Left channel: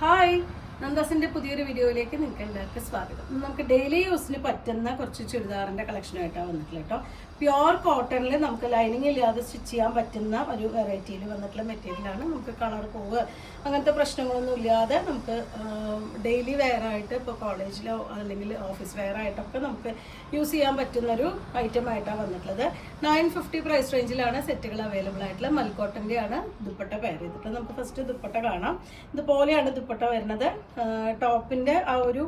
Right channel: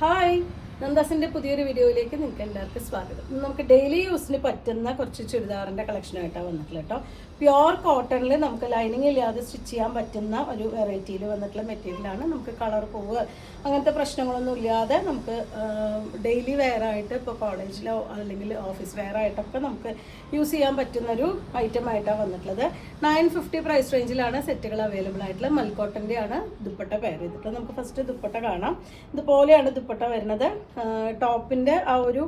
Hi, നന്ദാസിന്റെ പുതിയൊരു വീഡിയോയിലേക്ക് നിങ്ങൾക്ക് എല്ലാവർക്കും സ്വാഗതം. നമുക്ക് ഡെയിലി യൂസിന് പറ്റുന്ന കുറച്ച് ചുരിദാറിന്റെ കളക്ഷനായിട്ടാണ് വന്നിട്ടുള്ളത് കേട്ടോ. പ്യുവർ കോട്ടണിൽ നമുക്ക് ലൈനിങ് ഇല്ലാതെ സ്റ്റിച്ച് ചെയ്യാൻ പറ്റുന്ന ഒരു വെറൈറ്റിയിൽ വന്നിട്ടുള്ള മെറ്റീരിയലാണ്. നമുക്ക് കളർ പോവുക അങ്ങനത്തെ പ്രശ്നങ്ങളൊന്നും ഇല്ലാതെ നമുക്ക് ഡെയിലി വെയർ ആയിട്ട് ഇപ്പോൾ കോളേജിലോ അല്ലെങ്കിൽ ഓഫീസ് വെയർ ആയിട്ടൊക്കെ നമുക്ക് യൂസ് ചെയ്യാൻ പറ്റുന്ന ഒരു ഐറ്റം ആയിട്ടാണ് വന്നിട്ടുള്ളത്. 950 പ്രൈസ് റേഞ്ചിലാണ് സെറ്റുകൾ അവൈലബിൾ ആയിട്ടുള്ളത്. മൽക്കോട്ടന്റെ ആണ് ദുപ്പട്ട പെയർ ചെയ്തിട്ട്. നമുക്ക് ഫസ്റ്റ് ദുപ്പട്ട കാണാം. ഇതുപോലെയാണ് ദുപ്പട്ട വരുന്നത്. ടോപ്പിന്റെ ആ ഒരു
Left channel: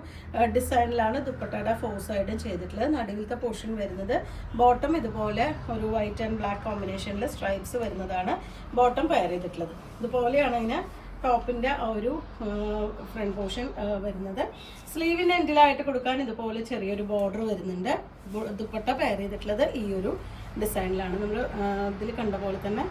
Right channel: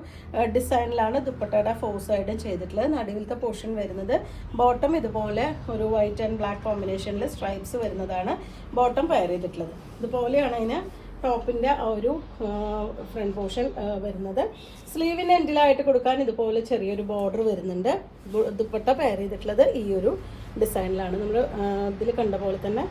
ഡിസൈനിലാണ് ദുപ്പട്ടയുടെ ഫോർ സൈഡും ചെയ്തിട്ടുള്ളത്. നടുവിലത്തെ പോർഷൻ വരുന്നത് ബോട്ടം ഇതുപോലെ ഒരു വൈറ്റ് ആൻഡ് ബ്ലാക്ക് കോമ്പിനേഷനിൽ സ്ട്രൈപ്സ് വരുന്നതാണ് ബോട്ടം പെയർ ചെയ്തിട്ടുള്ളത്. ഇതുപോലെയാണ് അതിന് ടോപ്പിന്റെ ആ ഒരു ഫ്രണ്ട് പോർഷൻ വരുന്നത്. സ്ലീവിന് എൻഡിലായിട്ട് കൊടുക്കാൻ ഇതുപോലെ ചെറിയൊരു ബോർഡർ വരുന്നുണ്ട്. ദുപ്പട്ട പെയർ ചെയ്തിട്ടുള്ളത് ഈ ഒരു ഡിസൈനിലാണ്. നമ്മൾ ഇതിൽ കണ്ട പോലെ തന്നെ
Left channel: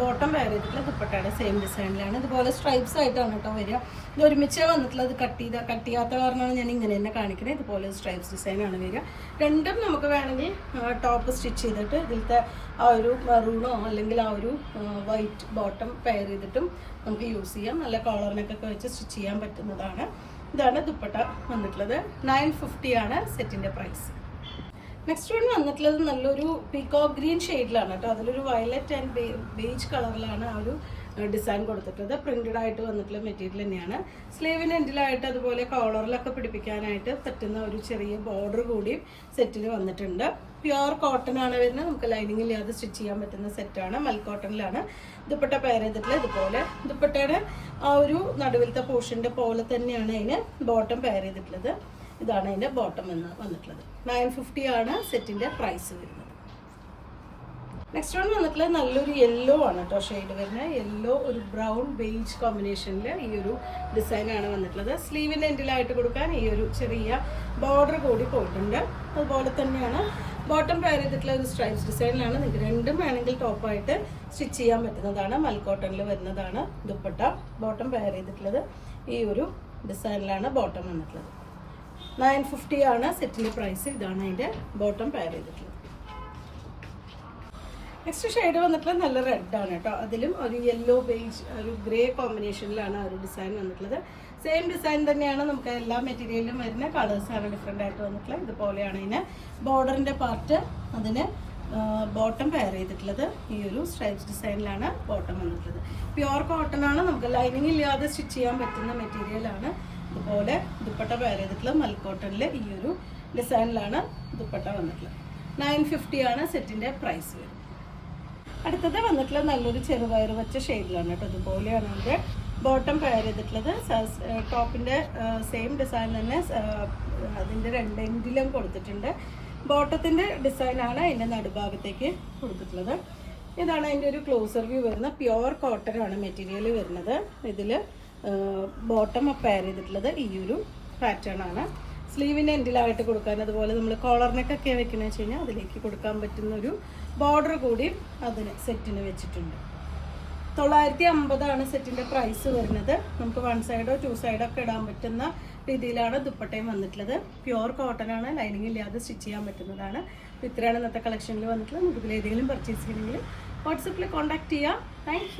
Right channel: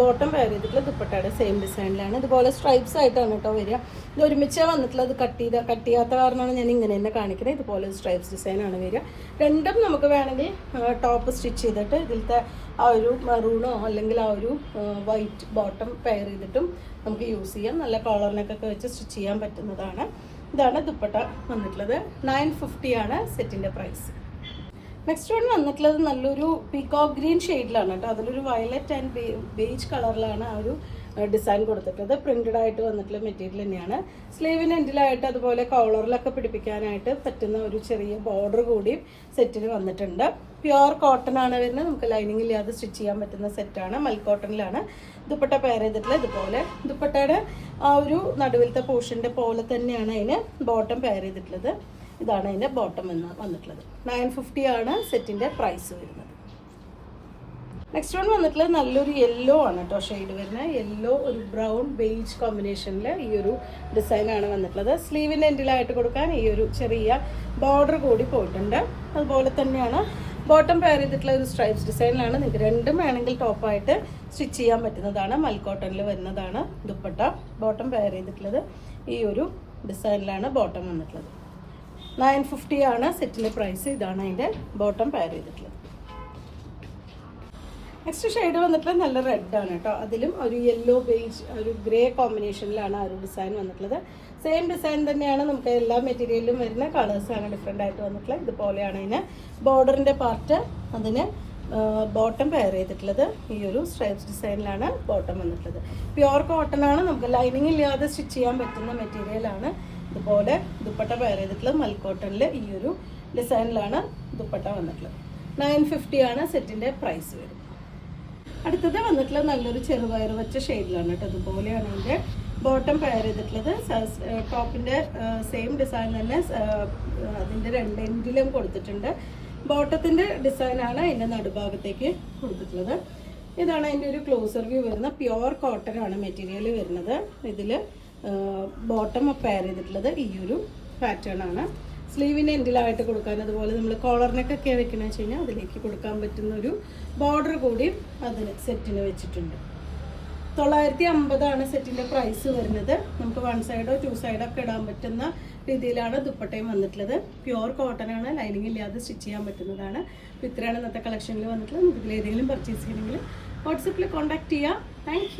ബോട്ടം പെയർ ചെയ്തിട്ടുള്ള ദുപ്പട്ടയുടെ സെയിം ഡിസൈനിലാണ്. ഇതുപോലെ സ്ട്രൈപ്സ് ആയിട്ടാണ് കേട്ടോ വരിക. ഇത് ഒരുമിച്ച് വന്നിട്ടുള്ളത് കട്ട് ചെയ്യാത്ത കാരണമാണ് ഞാൻ ഇങ്ങനെ തന്നെ കാണിക്കുന്നത്. ഇതുപോലെ സ്ട്രൈപ്സ് ഡിസൈനാണ് വരിക. രണ്ടും നമുക്ക് വേണമെങ്കിൽ ടോപ്പ് സ്റ്റിച്ച് ചെയ്തിട്ട് ഇതിലത്തെ ആ ഒരു മെറൂണോ അല്ലെങ്കിൽ ആ ഒരു വൈറ്റ് ബോട്ടം പെയർ ചെയ്തിട്ടും നമുക്ക് യൂസ് ചെയ്യാം. നല്ല കോളറിനൊക്കെ വെച്ച് സ്റ്റിച്ച് ചെയ്യാൻ പറ്റുന്നതാണ്. ഇതാണ് ദുപ്പട്ട വന്നിട്ടുള്ളത്. 950 ആണ് സെറ്റിന്റെ പ്രൈസ്. നെക്സ്റ്റ് വൺ വന്നിട്ടുള്ളത് നല്ലൊരു പീകോക്ക് ഗ്രീൻ ഷെയ്ഡിലാണ് കേട്ടോ. അതിലൊരു വയലറ്റ് ആൻഡ് ബേജ് കളറിലാണ് ആ ഒരു ഡിസൈൻ കൊടുത്തിട്ടുള്ളത്. പ്രിന്റഡ് ആയിട്ട് വന്നിട്ടുള്ള മെറ്റീരിയൽ തന്നെയാണ്. സ്ലീവിന് എൻഡിലായിട്ട് അതുപോലെ കോളറിലൊക്കെ പിടിപ്പിക്കാനായിട്ട് പറ്റുന്ന ഒരു ചെറിയ ബോർഡർ കൂടി സെറ്റിന് വന്നിട്ടുണ്ട്. പ്യുവർ കോട്ടൺ ആണ് വരുന്നത്. നമുക്ക് ലൈനിങ് ഇല്ലാതെ സ്റ്റിച്ച് ചെയ്യാൻ പറ്റുന്ന സെറ്റാണ്. മൽക്കോട്ടണിലാണ് ദുപ്പട്ട പെയർ ചെയ്തിട്ടുള്ളത്. ഇതുപോലെ ദുപ്പട്ടയുടെ ആ ഒരു നടുവിലത്തെ പോർഷന്റെ പോലെ തന്നെയാണ് അതിന് ബോട്ടം പെയർ ചെയ്തിട്ടുള്ളത്. ഇതാണ് അതിന്റെ ബോട്ടം വന്നിട്ടുള്ളത്. 950 ആണ് സെറ്റിന്റെ പ്രൈസ് വരുന്നത്. നെക്സ്റ്റ് വൺ വന്നിട്ടുള്ളത് നല്ലൊരു യെല്ലോ ആണ് കേട്ടോ ഷെയ്ഡ് വരുന്നത്. യെല്ലോ ഒരു ബ്രൗൺ ബേജ് കോമ്പിനേഷനിൽ ഈ ഒരു ഡിസൈനാണ് വന്നിട്ടുള്ളത്. സ്ലീവിന്റെ എൻഡിലായിട്ട് കൊടുക്കാൻ ഈ ഒരു ചെറിയ ബോർഡർ കൂടി പോയിട്ടുണ്ട്. അതുപോലെ തന്നെയാണ് ബോട്ടം പെയർ ചെയ്തിട്ടുള്ള ഒരു സ്ട്രൈപ്സ് ഡിസൈനിലാണ്. നിങ്ങൾക്ക് രണ്ടും വേണമെങ്കിൽ ടോപ്പായിട്ട് സ്റ്റിച്ച് ചെയ്യാൻ പറ്റുന്നതാണ്. മൽക്കോട്ടണിൽ വരുന്നതാണ് ദുപ്പട്ട. ബോട്ടം പെയർ ചെയ്തിട്ടുള്ളത് ഈ ഒരു ഡിസൈനിലാണ് ബോട്ടം വന്നിട്ടുള്ളത്. 950 ആണ് സെറ്റിന്റെ പ്രൈസ്. ഇതാണ് അതിന്റെ ബോട്ടം പെയർ ചെയ്തിട്ടുള്ളത്. നെക്സ്റ്റ് ഷെയ്ഡ് വന്നിട്ടുള്ളത് നല്ല റെഡ് ആണ് കേട്ടോ. അതിലും ഒരു യെല്ലോ ബേജ് ഒരു ഗ്രേ കോമ്പിനേഷനിലാണ് ആ ഒരു ഡിസൈൻ വന്നിട്ടുള്ളത്. സെയിം ഡിസൈൻ തന്നെയാണ് നമുക്ക് എല്ലാ മെറ്റീരിയലിലും വരുന്ന കളേഴ്സാണ് ഡിഫറെൻ്റ് ആയിട്ട് വന്നിട്ടുള്ളത്. ഇതുപോലെയാണ് ഇതിന് ബോർഡറിന്റെ പാർട്ട് അതിന് ബോട്ടം പെയർ ചെയ്തിട്ടുള്ളത്. ഈ ഒരു സ്ട്രൈപ്സ് ഡിസൈനിലാണ് ബോട്ടം വന്നിട്ടുള്ളത്. പ്യുവർ കോട്ടൺ ആണ്. നമുക്ക് ലൈനിങ് ഇല്ലാതെ സ്റ്റിച്ച് ചെയ്യാൻ പറ്റുന്ന മെറ്റീരിയലാണ്. ഇതുപോലെ ദുപ്പട്ട പെയർ ചെയ്തിട്ടുള്ളത് മൽക്കോട്ടണിൽ ഈ ഒരു ഡിസൈനിലാണ് ദുപ്പട്ട വന്നിട്ടുള്ളത്. 950 ആണ് സെറ്റിന്റെ പ്രൈസ് വരുന്നത്. അടുത്തത് വന്നിട്ടുള്ളത് നല്ലൊരു ചെറുപയർ വെച്ച ഷെയ്ഡിലാണ് കേട്ടോ. ഇതുപോലെയാണ് അതിന്റെ ബോട്ടം പെയർ ചെയ്തിട്ടുള്ളത്. ടോപ്പിന്റെ സെയിം ഡിസൈൻ തന്നെ അതിന്റെ രണ്ട് എൻഡിലും കൊടുത്തിട്ടുണ്ട്. ബോട്ടത്തിന്റെ ഡിസൈനാണ് അതിന്റെ നടുഭാഗത്തേക്ക് കൊടുത്തിട്ടുള്ളത്. ഇതാണ് അതിന്റെ ഒരു ക്ലോസർ വ്യൂ വരുന്ന പ്യുവർ കോട്ടൺ ആണ് മെറ്റീരിയൽ വരുന്നത്. ഇതില് ബോട്ടം പെയർ ചെയ്തിട്ടുള്ളത് ഈ ഒരു പാറ്റേൺ ആണ്. സ്ലീവിന് എൻഡിലായിട്ട് കൊടുക്കാൻ അതുപോലെ നമ്മൾ കോളറിനൊക്കെ വെക്കുന്ന വെച്ച് കഴിഞ്ഞാൽ അതിലേക്ക് കൊടുക്കാൻ പറ്റുന്ന ഒരു ബോർഡർ കൂടി അതിന് സെറ്റിന് വെച്ചിട്ടുണ്ട്. 950 ആണ് സെറ്റിന്റെ പ്രൈസ് വരുന്നത്. നമുക്ക് 1 സൈഡോ 2 സൈഡോ ഒക്കെ ഇടാൻ പറ്റുന്ന രീതിയിലാണ് ദുപ്പട്ടയും വന്നിട്ടുള്ളത്. പ്യുവർ കോട്ടൺ ആണ്. ലൈനിങ് ഇല്ലാതെ സ്റ്റിച്ച് ചെയ്യാൻ പറ്റുന്നതാണ്. അപ്പോൾ ഇത്രയാണ് ഇന്നത്തെ കളക്ഷനിൽ വന്നിട്ടുള്ളത്. നമുക്ക് ഇതിൽ ഏതെങ്കിലും പർച്ചേസ് ചെയ്യണമെങ്കിൽ വാട്സപ്പിൽ കോൺടാക്ട് ചെയ്യാം. താങ്ക്